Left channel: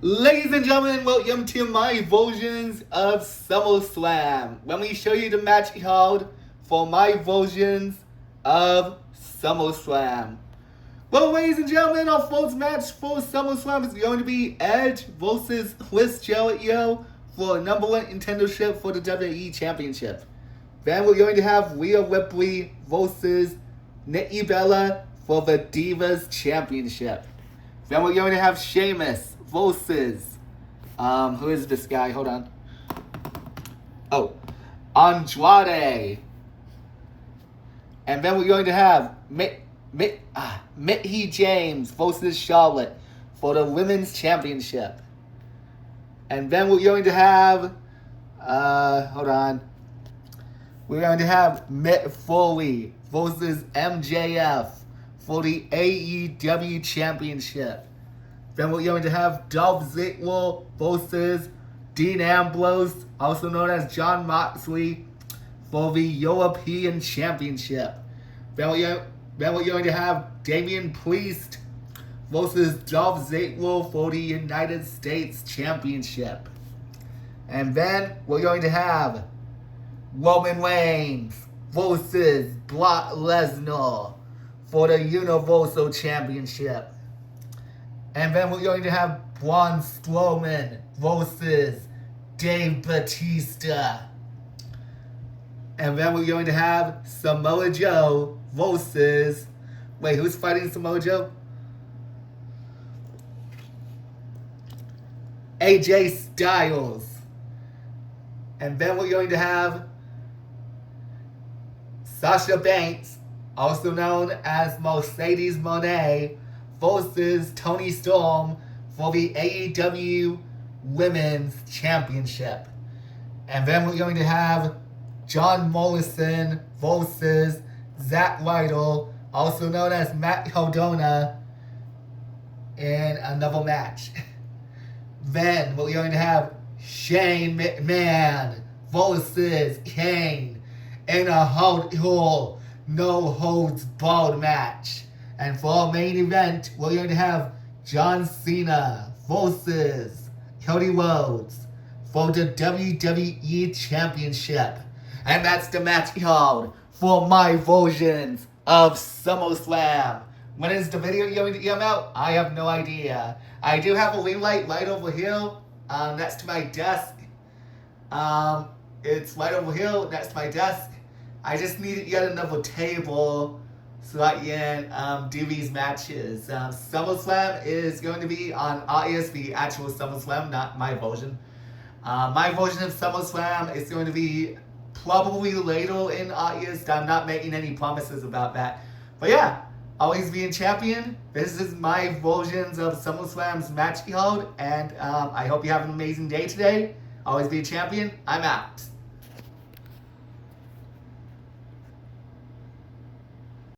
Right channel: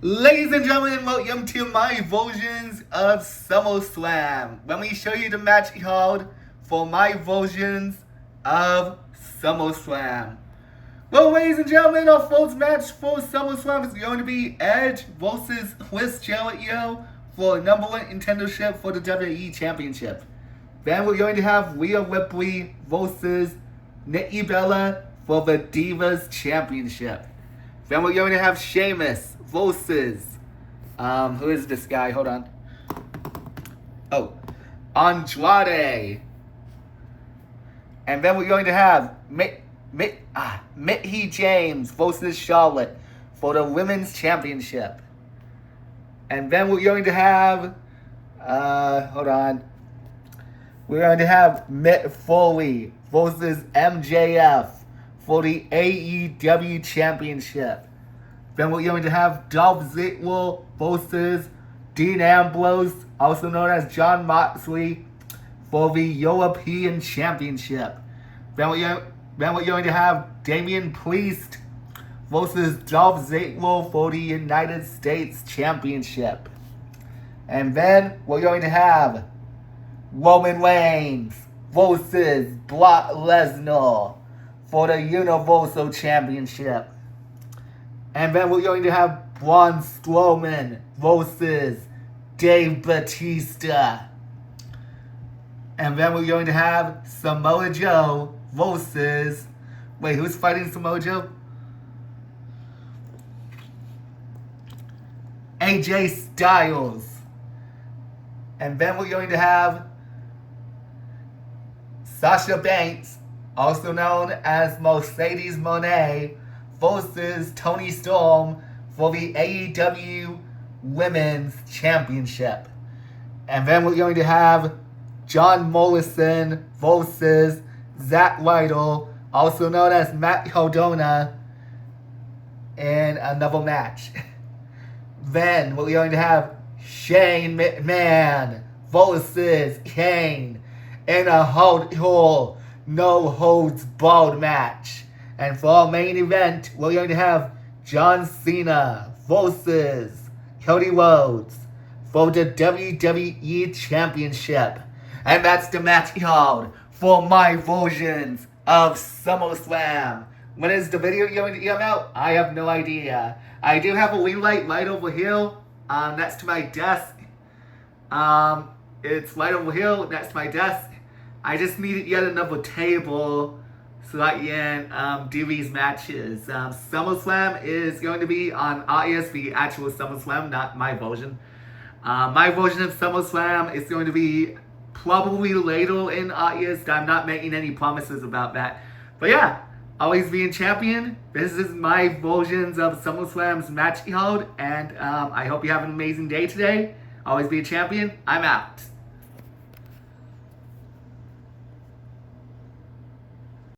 Ladies and gentlemen, welcome to my versions of SummerSlam. Let me show you the match card for my versions of SummerSlam. Well, ladies and gentlemen, our first match for SummerSlam is going to be Edge versus Chris Jericho for number one contendership for the WWE Championship. Then we're going to have Rhea Ripley versus Nikki Bella for the Divas Championship. Then we're going to have Sheamus versus, who is this guy? Hold on. Oh, Andrade. And then we're going to have Mickie James versus Charlotte for the Women's Championship. And then we're going to have, hold on. We're going to have Mick Foley versus MJF for the AEW Championship. Then we're going to have Dolph Ziggler versus Dean Ambrose, also known as Jon Moxley, for the European Championship. Then we're going to have Damian Priest versus Dolph Ziggler for the United States Championship. And then we're going to have Roman Reigns versus Brock Lesnar for the Universal Championship. And then we're going to have Braun Strowman versus Dave Bautista. And then we're going to have Samoa Joe versus... Wait, who's fighting Samoa Joe? AJ Styles. And then we're going to have Sasha Banks, also known as Mercedes Moné, versus Toni Storm for the AEW Women's Championship. And then we're going to have John Morrison versus Zack Ryder, also known as Matt Cardona, in another match. Then we're going to have Shane McMahon versus Kane in a hardcore, no-holds-barred match. And for our main event, we're going to have John Cena versus Cody Rhodes for the WWE Championship. And that's the match card for my versions of SummerSlam. When is the video going to come out? I have no idea. I do have a ring light right over here, next to my desk. It's right over here next to my desk. I just need yet another table so I can do these matches. SummerSlam is going to be on August, the actual SummerSlam, not my version. My version of SummerSlam is going to be probably later in August. I'm not making any promises about that. But yeah, always being champion. This is my versions of SummerSlam's match card. And I hope you have an amazing day today. Always be a champion. I'm out.